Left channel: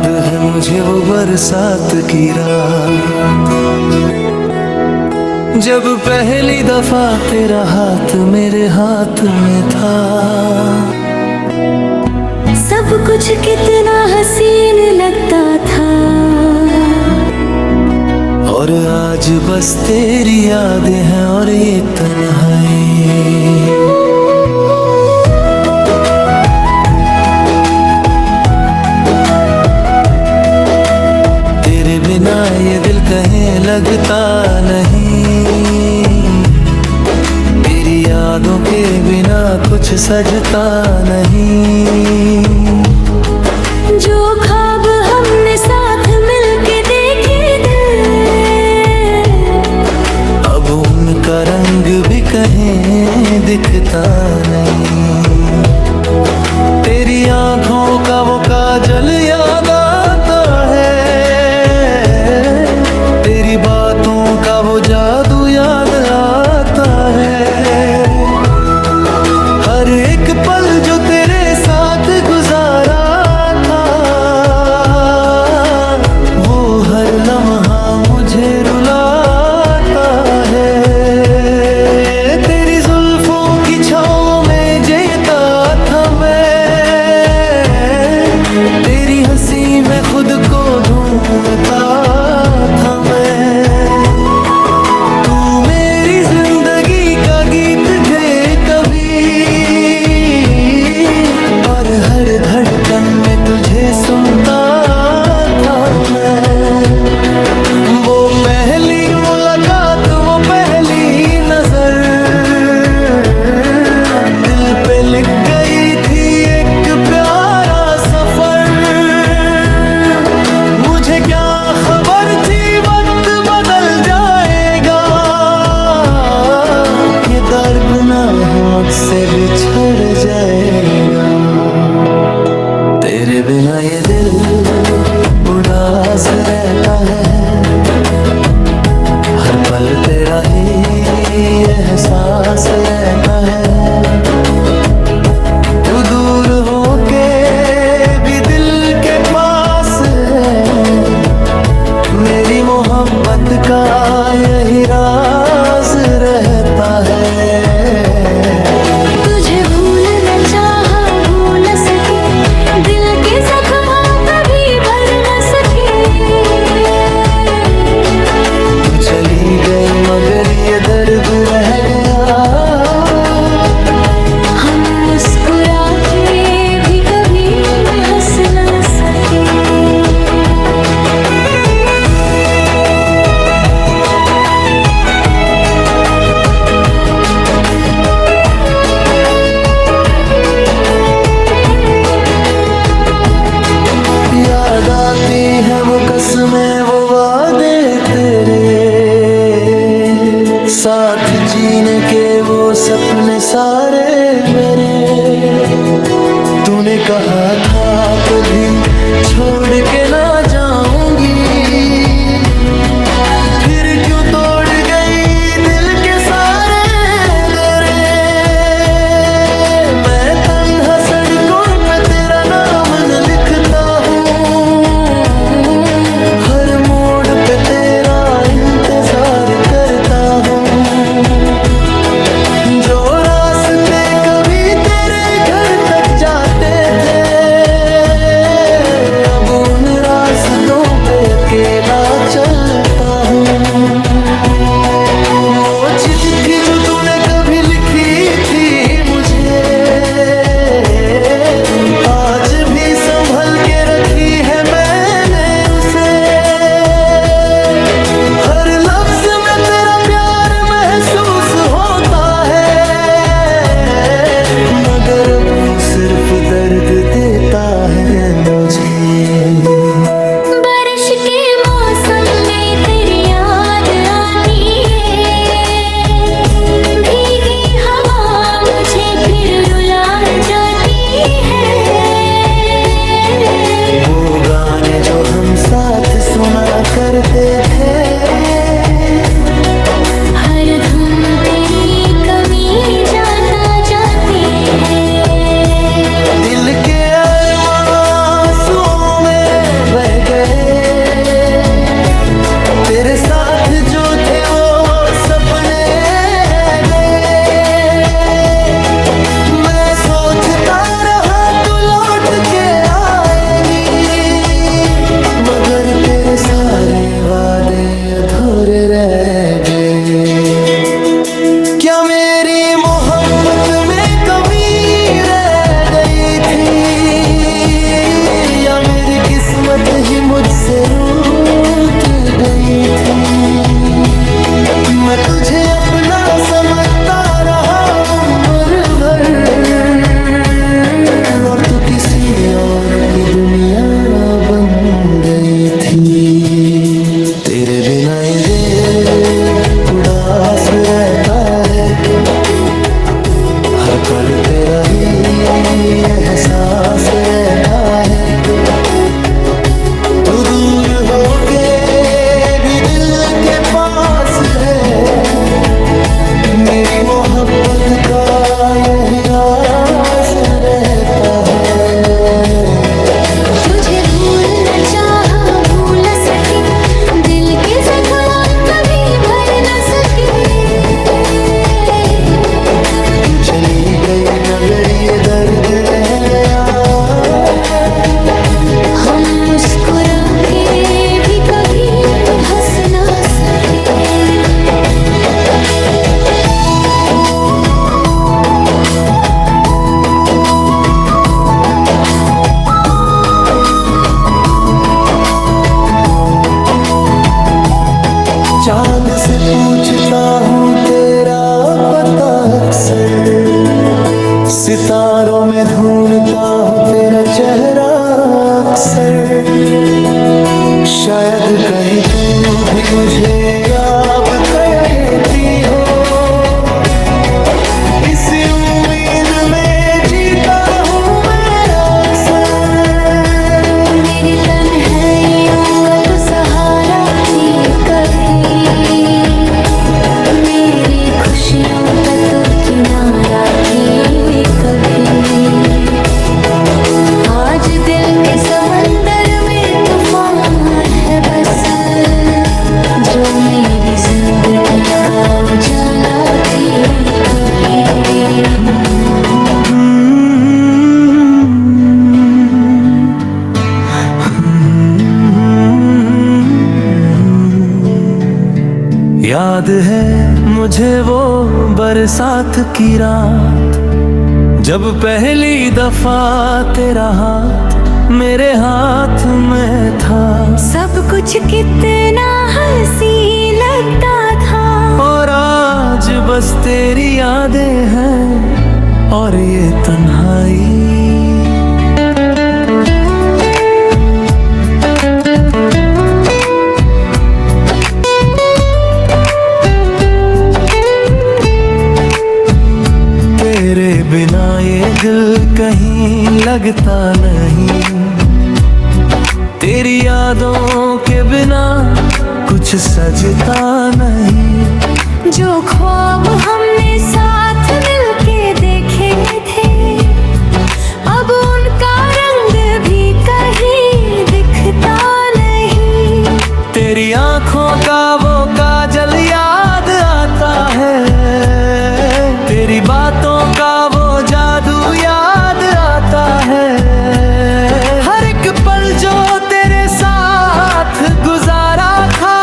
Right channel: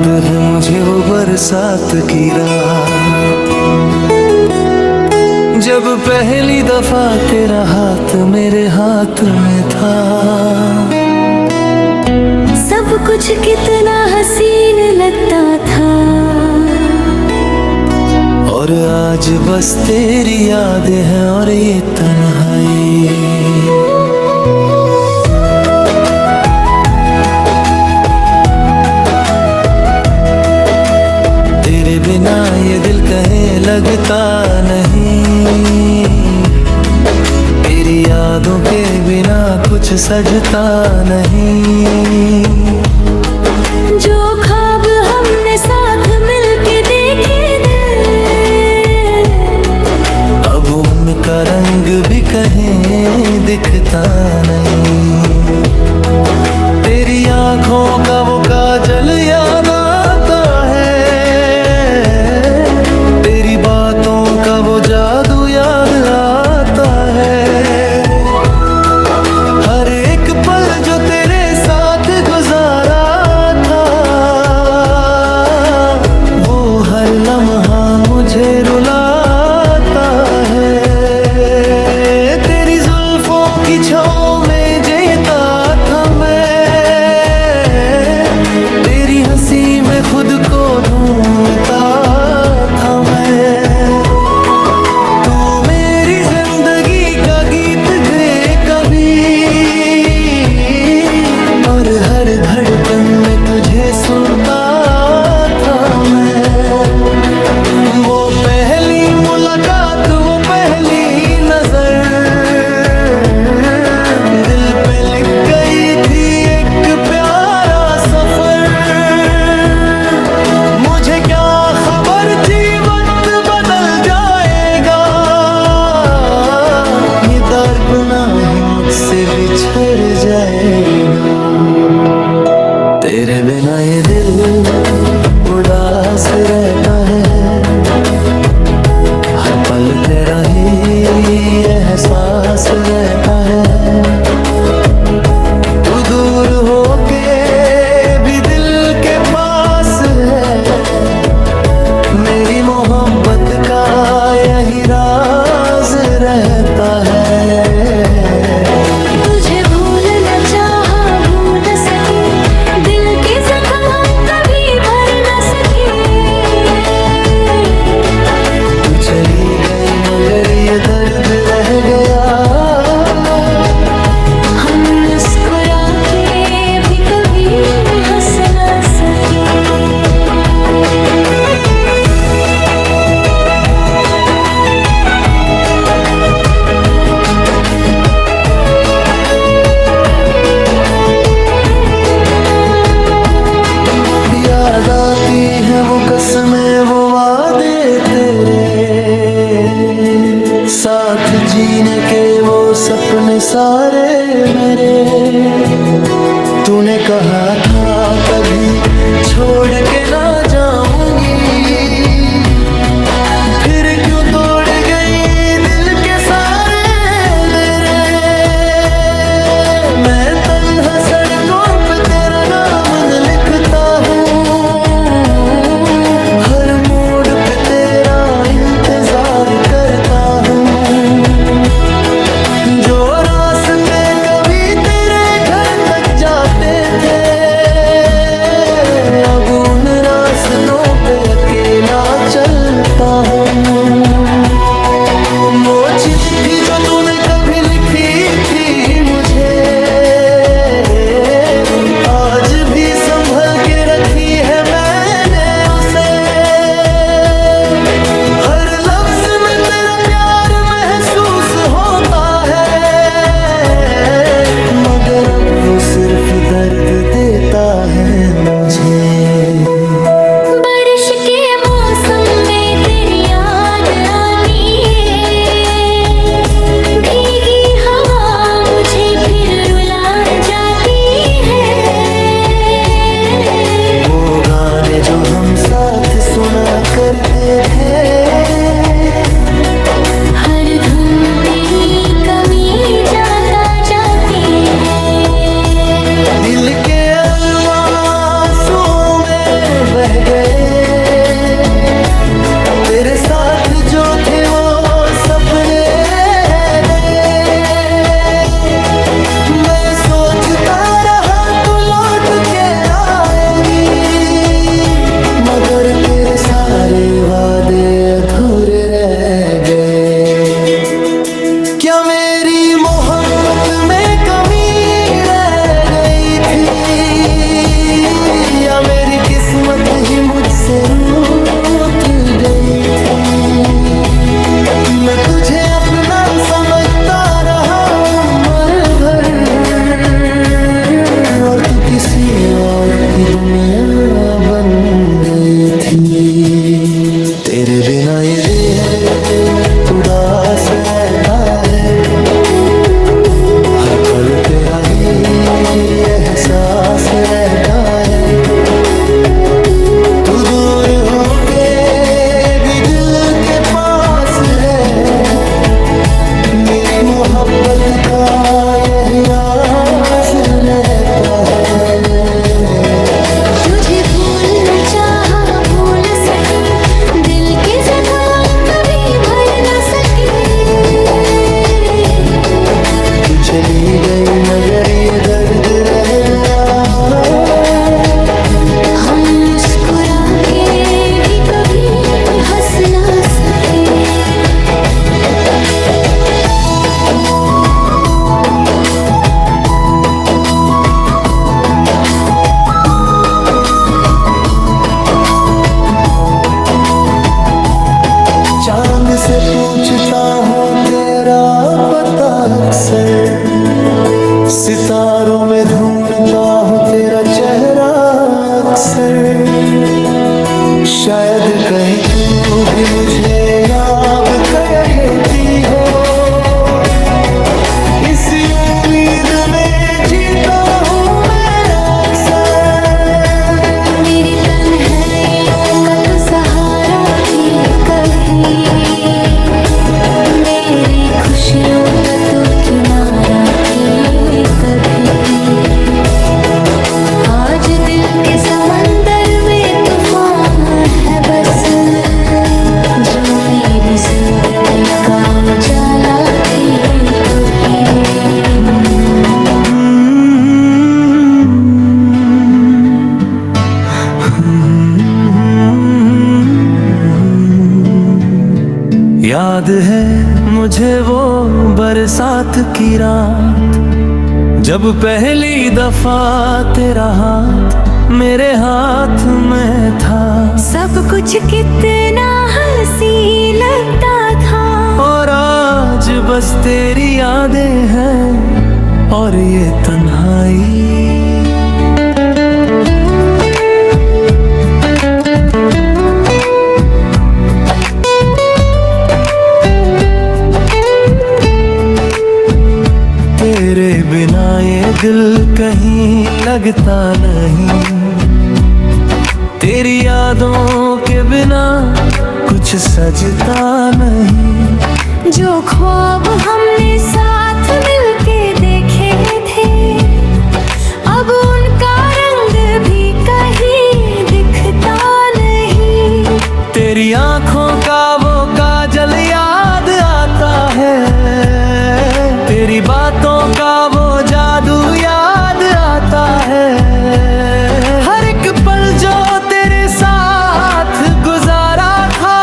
याद है मुझे वो बरसात की रात, जब पहली दफा तेरा हाथ मेरे हाथ में था। सब कुछ कितना हसीन लगता था, और आज बस तेरी यादें हैं और ये तन्हाई। तेरे बिना ये दिल कहीं लगता नहीं, तेरी यादों के बिना कुछ सजता नहीं। जो ख्वाब हमने साथ मिलके देखे थे, अब उनका रंग भी कहीं दिखता नहीं। तेरी आंखों का वो काजल याद आता है, तेरी बातों का वो जादू याद आता है। हर एक पल जो तेरे साथ गुजारा था, वो हर लम्हा मुझे रुलाता है। तेरी जुल्फों की छाँव में जीता था मैं, तेरी हंसी में खुद को ढूंढता था मैं। तू मेरी जिंदगी का गीत गे कभी, और हर धड़कन में तुझे सुनता था मैं। वो पहली मुलाकात, वो पहली नजर, दिल पे लिख गई थी एक प्यारा सफर। मुझे क्या खबर थी वक्त बदल जाएगा, ये दर्द ना ही मुझसे बिछड़ जाएगा। तेरे बिना ये दिल उदास रहता है, हर पल तेरा ही एहसास रहता है। तू दूर होके भी दिल के पास है, मेरी मोहब्बत का यही राज रहता है। तुझे भूल न चाहा भूल न सके, दिल के जख्म हम कभी भर न सके। तू चली गई मगर ये दर्द रह गया, हम मुस्कुरा के भी कभी हंस न सके। याद आती है वो कसमें वो वादे तेरे, साथ जीने के वो सपने सारे मेरे। तूने कहा था कभी छोड़ के ना जाऊंगी, फिर क्यों तोड़ गई दिल के सारे दरे। मैं तन्हा सड़कों पे तेरा नाम न लिखता हूँ, हर मोड़ पे तेरा इंतजार करता हूँ। जो रास्ते कभी तेरे घर तक जाते थे, अब उन रास्तों पे अकेला चलता हूँ। वो चिट्ठी जो तूने कभी लिखी थी मुझे, आज भी संभल के रखी है मैंने उसे। हर लफ्ज में तेरा प्यार महसूस होता है, मगर अब वो सिर्फ दर्द देता है मुझे। बारिश के मौसम में तेरी याद आनी है, भीगी हवा मुझे फिर रुला जाती है। वो गाने जो हम साथ सुना करते थे, हर धुन तेरी कमी जाता जाती है। दिल के अरमां आंसुओं में बह गए, तेरे साथ जो थे वो सपने रह गए। मैं सोचता रहा तू लौट के आएगी, मगर तेरे सारे वादे अधूरे रह गए। क्या मेरी मोहब्बत में कमी रह गई थी, या मेरी किस्मत ही मुझसे रूठ गई थी। मैं तुझे अपना समझता रहा उम्र भर, और तू किसी और की दुनिया बन गई थी। तेरे बिना ये दिल उदास रहता है, हर पल तेरा ही एहसास रहता है। तू दूर होके भी दिल के पास है, मेरी मोहब्बत का यही राज रहता है। तुझे भूल न चाहा भूल सकी, दिल के जख्म हम कभी भर न सके। तू चली गई मगर ये दर्द रह गया, हम मुस्कुरा के भी कभी हंस ना सके। चांद से पूछता हूँ तेरा पता अक्सर, सितारों में ढूंढता हूँ तेरा चेहरा अक्सर। शायद कहीं तू भी मुझे याद कहती हो, इसी उम्मीद में जीता हूँ मैं अक्सर। मेरी तन्हाइयों का तो सहारा थी कभी, मेरी खुशियों का तो किनारा थी कभी। आज दिल के समंदर में तूफान है बस, जो मेरी जिंदगी का उजाला थी कभी। याद है मुझे वो बरसात की रात, जब पहली दफा तेरा हाथ मेरे हाथ में था। सब कुछ कितना हंसी लगता था, और आज बस तेरी यादें हैं और ये तन्हाई। तेरे बिना ये दिल कहीं लगता नहीं, तेरी यादों के बिना कुछ सजता नहीं। जो ख्वाब हमने साथ मिलके देखे थे, अब उनका रंग भी कहीं दिखता नहीं। तेरी आंखों का वो काजल याद आता है, तेरी बातों का वो जादू याद आता है। हर एक पल जो तेरे साथ गुजारा था,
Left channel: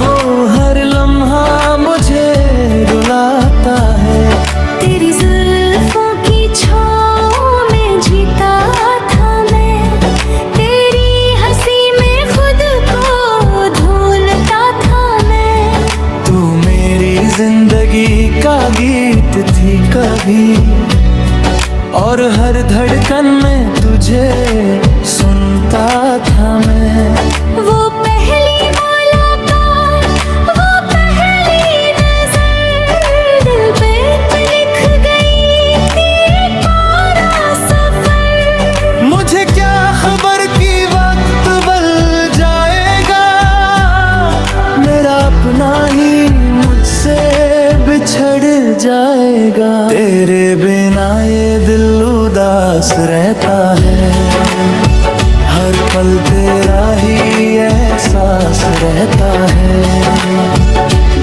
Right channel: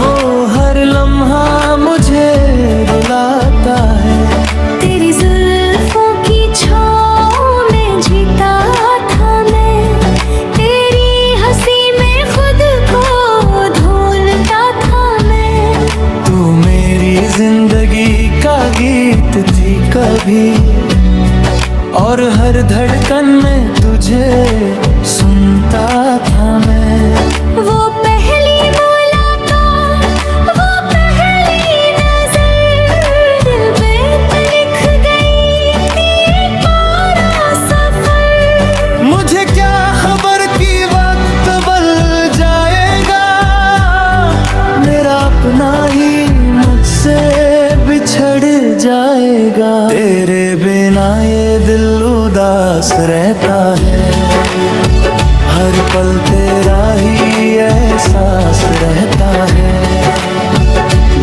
वो हर लम्हा मुझे रुलाता है। तेरी जुल्फों की छाँव में जीता था मैं, तेरी हंसी में खुद को ढूंढता था मैं। तू मेरी जिंदगी का गीत थी कभी, और हर धड़कन में तुझे सुनता था मैं। वो पहली मुलाकात, वो पहली नजर, दिल पे लिख गई थी पूरा सफर। मुझे क्या खबर कि वक्त बदल जाएगा, मेरा अपना ही मुझसे बिछड़ जाएगा। तेरे बिना ये दिल उदास रहता है, हर पल तेरा ही एहसास रहता है।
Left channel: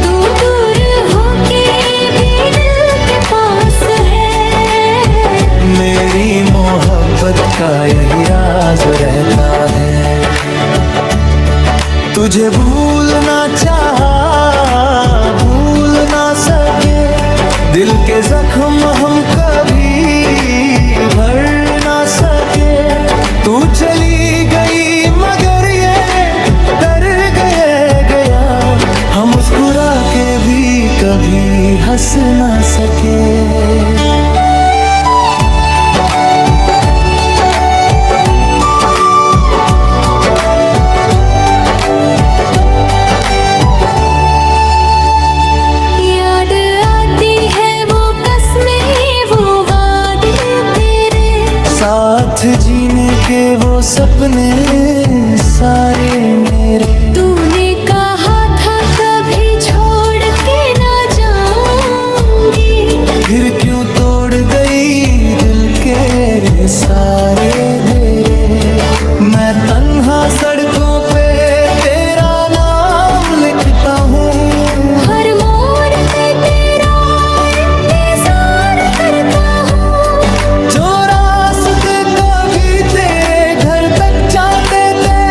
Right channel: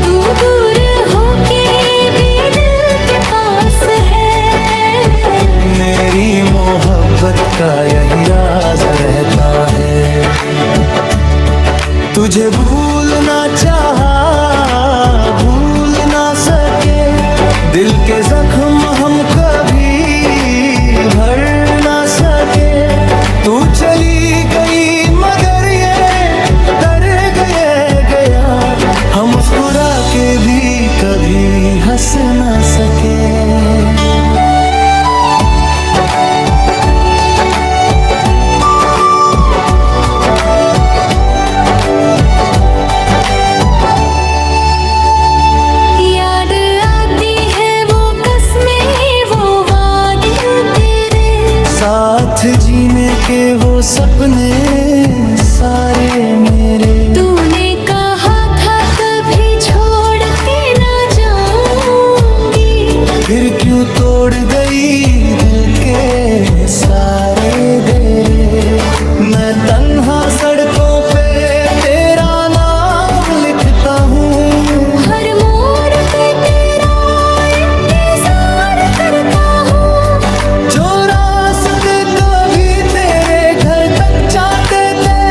दूर दूर होके भी दिल के पास है, मेरी मोहब्बत का यही राज रहता है। तुझे भूलना चाहा, भूल ना सके, दिल के जख्म हम कभी भर ना सके। तू चली गई मगर ये दर्द गया, हम मुस्कुरा के भी कभी हंस ना सके। साथ जीने के वो सपने सारे मेरे, तूने कहा था कभी छोड़ के ना जाऊंगी, फिर क्यों तोड़ गई दिल के सारे डेरे। मैं तन्हा सड़कों पे तेरा नाम लिखता हूँ, हर मोड़ पे तेरा इंतजार करता हूँ। जो रास्ते कभी तेरे घर तक जाते थे,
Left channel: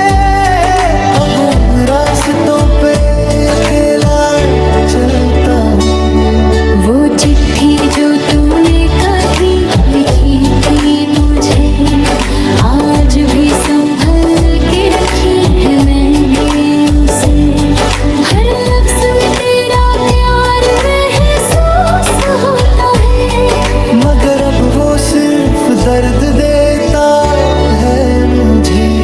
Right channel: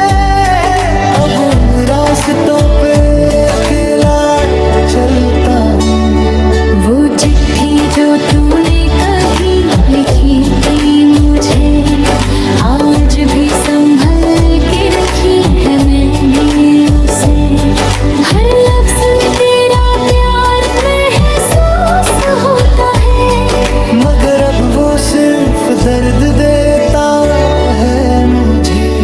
अब उन रास्तों पे अकेला चलता हूँ। वो चिट्ठी जो तूने कभी लिखी थी मुझे, आज भी संभल के रखी है मैंने उसे। हर लफ्ज में तेरा प्यार महसूस होता है, मगर अब वो सिर्फ दर्द देता है मुझे।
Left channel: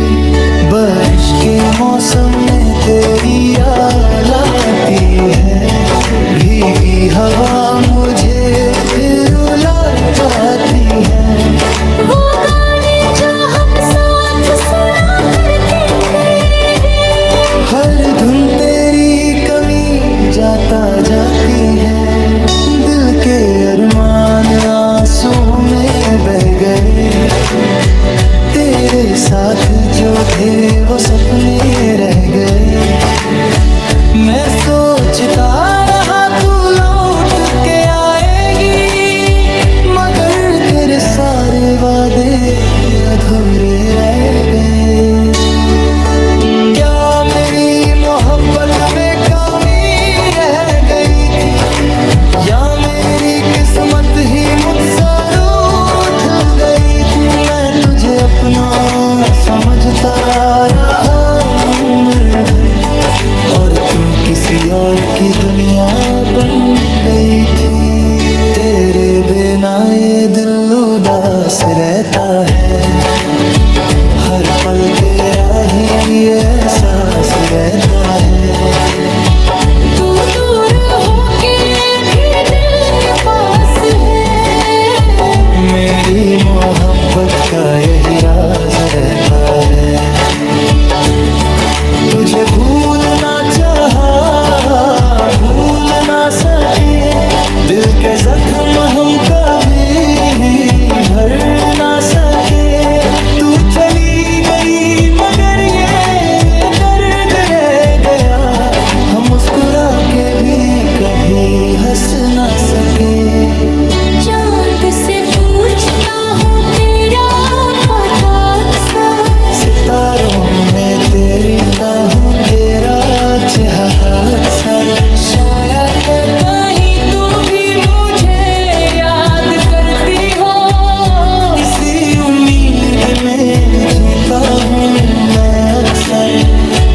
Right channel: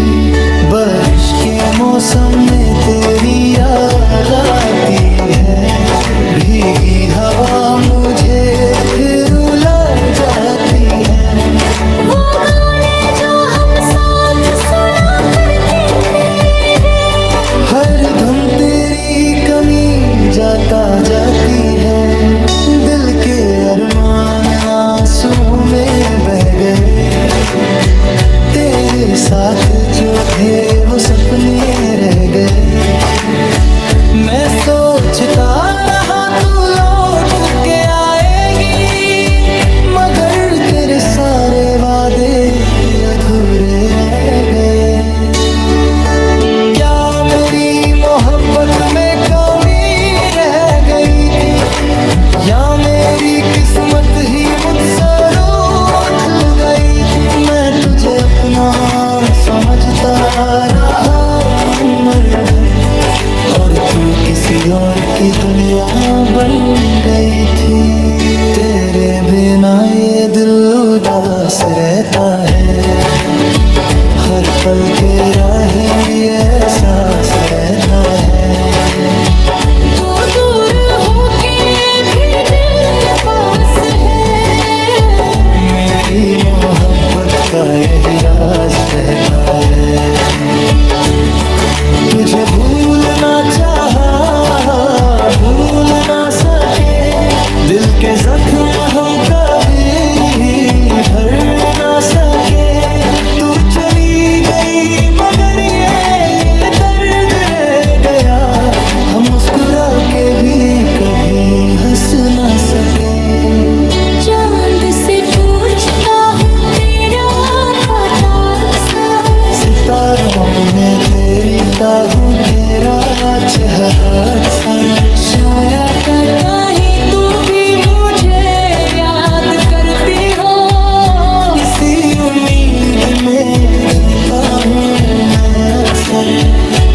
बारिश के मौसम में तेरी याद आती है, भीगी हवा मुझे फिर रुला जाती है। वो गाने जो हम साथ सुना करते थे, हर धुन तेरी कमी जाता जाती है। दिल के अरमान आंसू में बह गए, तेरे साथ जो थे वो सपने रह गए। मैं सोचता रहा तू लौट के आएगी, मगर तेरे सारे वादे अधूरे रह गए। क्या मेरी मोहब्बत में कमी रह गई थी, या मेरी किस्मत ही मुझसे रूठ गई थी। मैं तुझे अपना समझता रहा उम्र भर, और तू किसी और की दुनिया बन गई थी। तेरे बिना ये दिल उदास रहता है, हर पल तेरा ही एहसास रहता है। तू दूर होके भी दिल के पास है, मेरी मोहब्बत का यही राज रहता है। तुझे भूलना चाहा, भूल ना सके, दिल के जख्म हम कभी भर ना सके। तू चली गई मगर ये दर्द रह गया, हम मुस्कुरा के भी कभी हंस ना सके। चांद से पूछता हूँ तेरा पता अक्सर, सितारों में तेरी हूँ तेरा चेहरा अक्सर। शायद कहीं तू भी मुझे याद करती हो, इसी उम्मीद में जीता हूँ मैं अक्सर।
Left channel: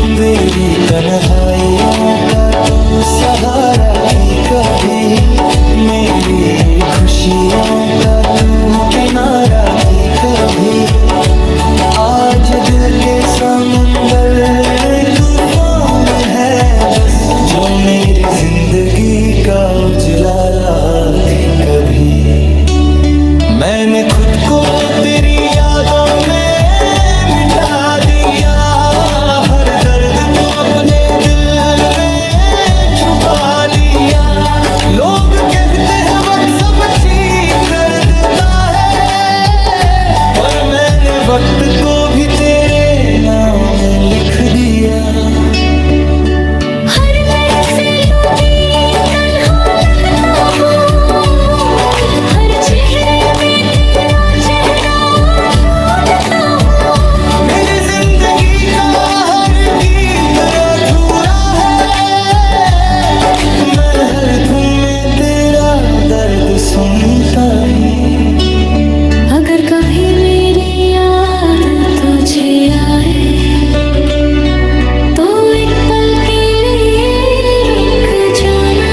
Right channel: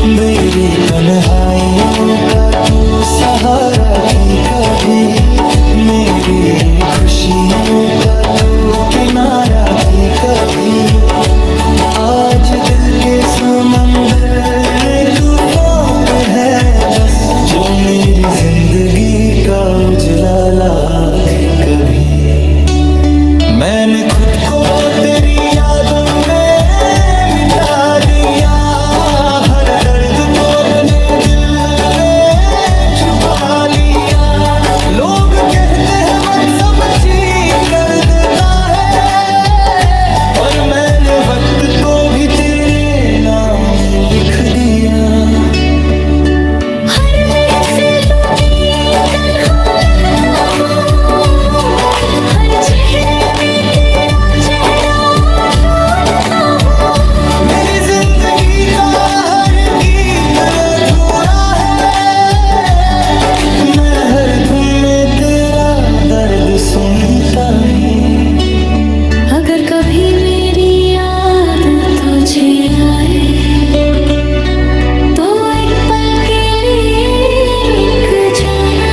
मेरी तन्हाइयों का तू सहारा थी कभी, मेरी खुशियों का तू किनारा थी कभी। आज दिल के समंदर तूफान है बस, जो मेरी जिंदगी का उजलाला थी कभी। मैंने खुद को तेरी यादों में मिटा दिया, हर दर्द को अपने दिल में छुपा लिया। लोग कहते हैं वक्त सब ठीक कर देता है, और मैंने वक्त को भी तेरे नाम लिख दिया। हर महफिलों में तन्हा लगता हूँ, हर चेहरे में तेरा चेहरा ढूंढता हूँ। मेरी जिंदगी का हर गीत अधूरा है, मैं हर धुन में तेरा दर्द सुनता ही। अगर कभी मेरी याद तुझे आए तो एक पल के लिए रुक जाना।